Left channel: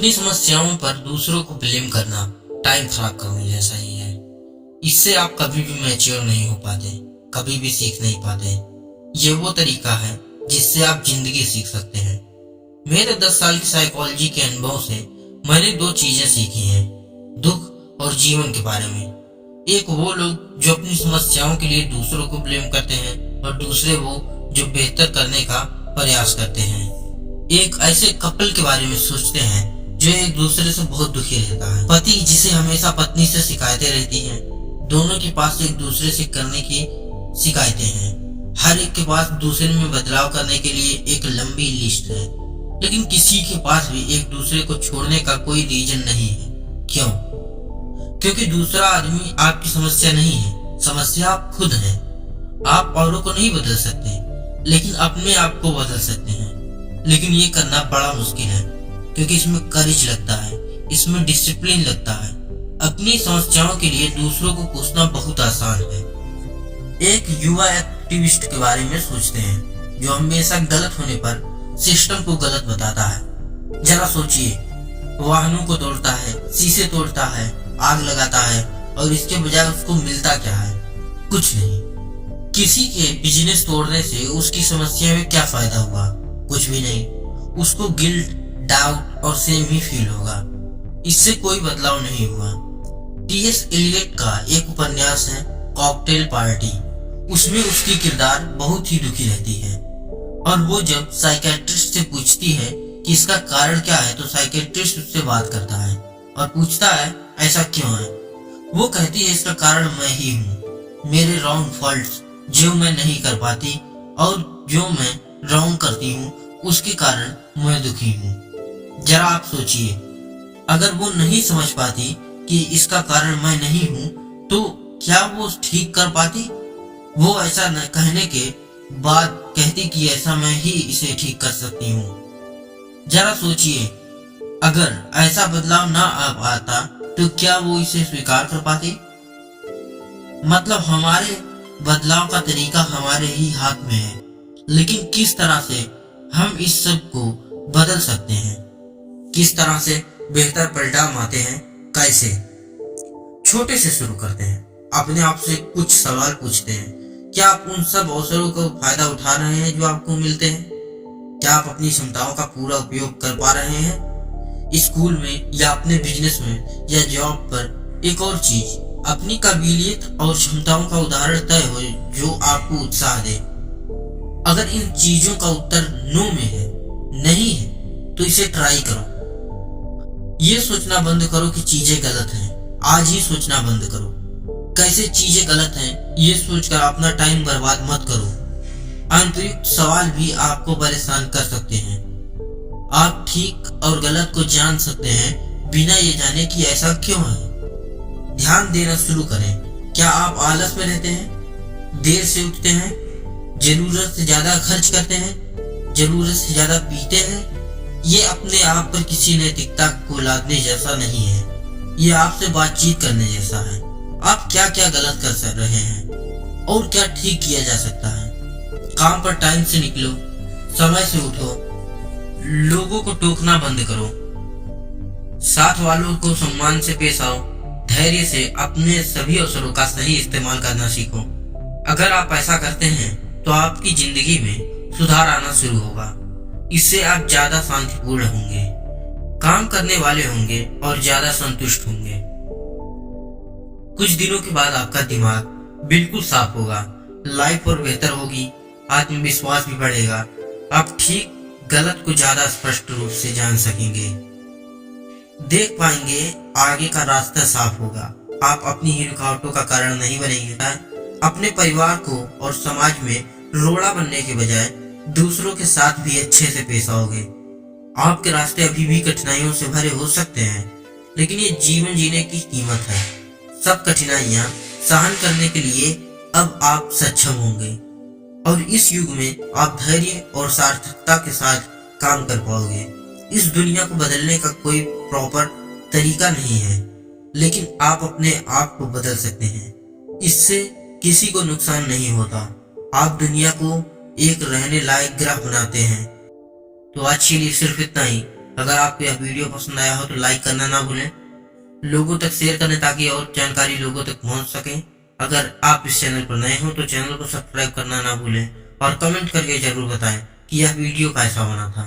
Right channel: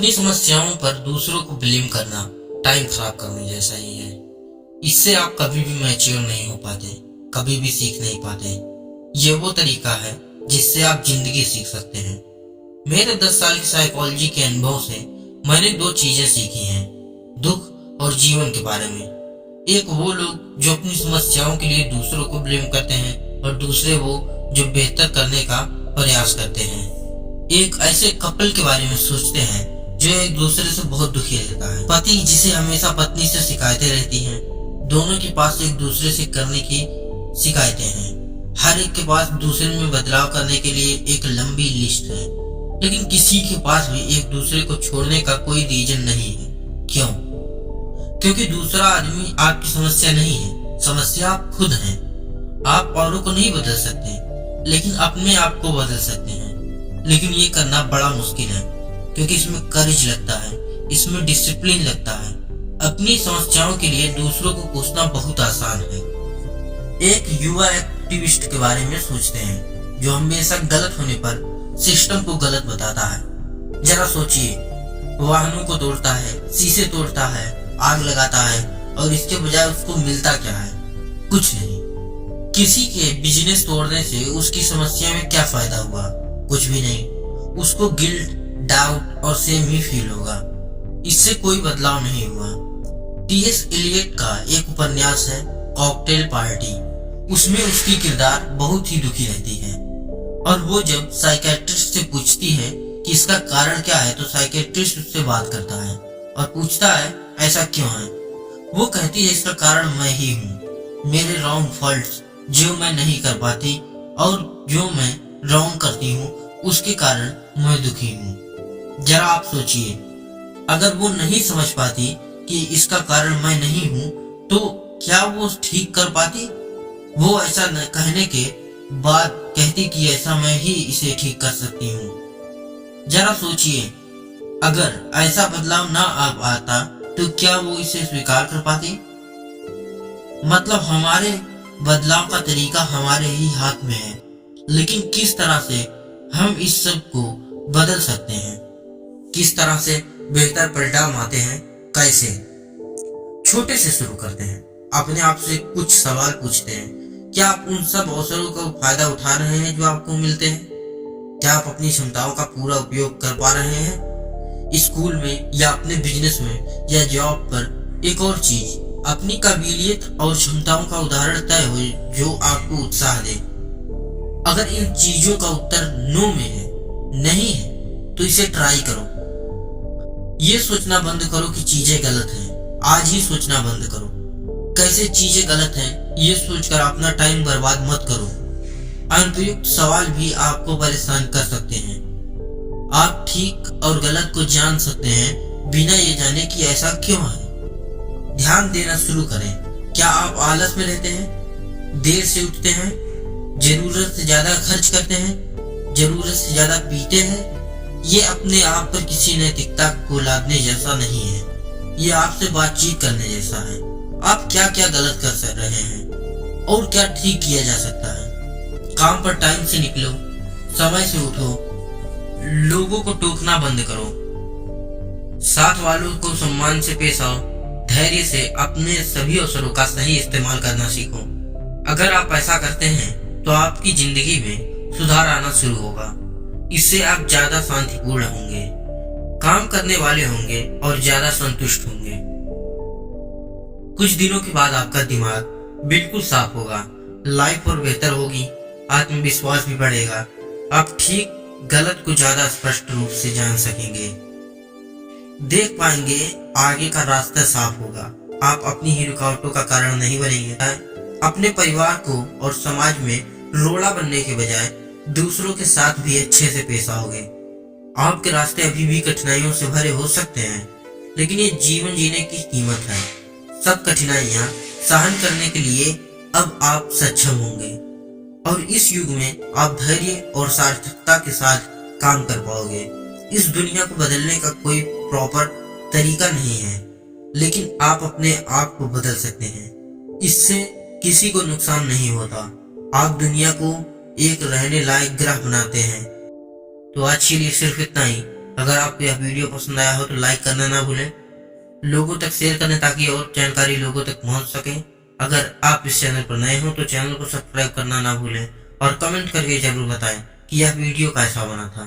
अपनी समस्याओं पर दूसरों को ब्लेम करना टाइम खराब करने जैसा ही है। इससे आप कभी भी मैच्योर नहीं हो पाते, कभी भी सीख नहीं पाते। ये वो तरीका है जिससे आप जिंदगी सीख सकते हैं। मेरे 10 साल की साइकोलॉजी के अनुभव से मैंने 2 चीजें सीखी हैं, दुख और जीवन के बारे में। एक वो लोग जो अपनी समस्याओं के लिए दूसरों को ब्लेम करते हैं और दूसरे वो जो बेहतर करने का प्रयास करते हैं। एक ऐसे कपल के बारे में सोचते हैं जो एक दूसरे से बहुत दुखी रहता है। पति जिसे हमेशा पत्नी से शिकायतें रहती हैं, दोनों के पास एक दूसरे से करने की शिकायतें हैं। हर एक के पास दूसरे में बदलाव करने के लिए एक लंबी लिस्ट है, लेकिन किसी के पास भी एक दूसरे को छोड़ने का कोई रीजन नहीं है। क्यों? क्योंकि दूसरा आदमी आपकी समस्या नहीं है, समस्या आप खुद हैं। आप औरों को नहीं बदल सकते, लेकिन अपने आप को बदल सकते हैं। लेकिन ये करना बड़ा मुश्किल है, क्योंकि इसमें करेज लगता है, इसमें डिसिप्लिन लगता है। अपनी समस्याओं के लिए दूसरों को कोसना बहुत आसान है। एक युवा एक्टिविस्ट के बारे में सोचते हैं जो हमेशा गलत होने पर सिस्टम को गलत बताता है। जरा सोचिए, वाहनों को तोड़ता है, शीशे तोड़ता है, आग लगाता है, और इसके बजाय उसको मिलता क्या है? कुछ नहीं। किसी के बिजनेस तोड़ने से उसकी समस्या में क्या फायदा हुआ? कुछ भी नहीं। उसको गिल्ट, डाउट और सेम ही फील होगा। इससे कोई बदलाव नहीं हुआ। टी.एस. एलियट का एक उपन्यास है कॉकटेल पार्टी। उसमें उसकी किरदार बहुत ही दुखी रहती है, और वो जब साइकेट्रिस्ट से पूछती है कि इसका कारण क्या है, तो साइकेट्रिस्ट उससे बात करता है और पूछता है ऐसा क्यों है। वो कहती है इसका कारण मैं ही हूँ, मेरे रॉन्ग फॉल्ट्स जो मैं नहीं कर पाती और जो मैं रॉन्ग करती हूँ उसके कारण मैं दुखी हूँ। जरा आप सोचिए, अगर वो नहीं समझ पाती कि इसका कारण मैं नहीं हूँ, तो क्या वो ठीक कर पाती? वो ऐसा न कहने के बाद कहती कि ऐसा मैं ही इसे ठीक कर सकती हूँ। जरा सोचिए, अगर ऐसा बदलाव ना आ पाता तो क्या वो इसे स्वीकार कर पाती? मतलब हमारे बदलाव का तरीका हमारे ही हाथ में है, लेकिन किस तरह से हम इस सब को बदल सकते हैं, किस तरह से बेहतर परिणाम आते हैं, कैसे? छोटे से शुरू करते हैं। अपने आप से कुछ सवाल पूछते हैं। क्या आप उन सब अवसरों का फायदा उठा रहे हैं जो आपको मिलते हैं? क्या आप अपनी क्षमताओं का पूरा उपयोग कर पा रहे हैं? स्कूल में या अपने बिजनेस में या जॉब पर एक और चीज, अपनी काबिलियत और क्षमताओं का उदाहरण तय हो जो आपको उत्साह दे। अगर इन चीजों का उत्तर नो में है, नहीं है, तो इसे ट्राई करो। ये सोचना बंद करो कि चीजें गलत हैं। आज ही सोचना बंद करो कैसे चीजें गलत हैं। ये सोचकर अपना टाइम बर्बाद मत करो। अनुपयुक्त सवाल भी आपको परेशान कर सकते हैं। आप ठीक और गलत को जान सकते हैं बिना ये जाने कि ऐसा क्यों है। ध्यान देना शुरू करें। क्या आप आलस में रहते हैं? देर से उठते हैं? जरूरत से ज्यादा खर्च करते हैं? जरूरत से ज्यादा पीते हैं? ये अपने आप पर किसी नैतिकता को लादने जैसा नहीं है। ये आपसे बातचीत करने जैसा है। आप क्या क्या गलत कर रहे हैं और क्या ठीक किया जा सकता है। काम पर टाइम से निकलो, समय से उठो, लोगों को टोकना बंद करो, साथ वालों को सम्मान से पेश आओ, धैर्य से अपने सभी अवसरों का सही इस्तेमाल करना सीखो। अगर आप ऐसा करते हैं तो आपकी जिंदगी में सुधार आना शुरू होगा। इससे आप ज्यादा शांतिपूर्ण होंगे, काम करने वाले होंगे और ज्यादा संतुष्ट होंगे। कुछ दिनों के बाद आपका दिमाग बिल्कुल साफ होगा, लाइफ और बेहतर होगी, आत्मविश्वास भी बढ़ेगा। आप ठीक गलत को ज्यादा स्पष्ट रूप से जान सकेंगे, देख पाएंगे, आगे का रास्ता साफ होगा। आप अपनी ही रुकावटों का कारण नहीं बनेंगे। अपने परिवार को और समाज में रोड़ा बनने के बजाय दूसरों के साथ भी अच्छे से पेश आओगे। आपके रास्ते अभी भी कठिनाइयों से भरे हो सकते हैं, लेकिन ये जीवन जीने की कीमत है। सब कठिनाइयां सहन करने के लिए अब आप सक्षम होंगे, और इस युग में आप धैर्य और सार्थकता के साथ काम कर पाओगे। इस दुनिया को बदलने का कोई प्रॉपर तरीका नहीं है, लेकिन आप अपने आप को बदल सकते हैं। इससे किसी को नुकसान नहीं होता। आप दुनिया को एक रहने लायक ग्रह बनाते हैं। तो आज के लिए सिर्फ इतना ही। अगर आपको यह वीडियो पसंद आया हो तो लाइक करना ना भूलें, लोगों तक शेयर करें ताकि और जानकारी लोगों तक पहुंच सके। अगर आप इस चैनल पर नए हो तो चैनल को सब्सक्राइब करना ना भूलें और कमेंट करके जरूर बताएं कि यह वीडियो कैसा बना था।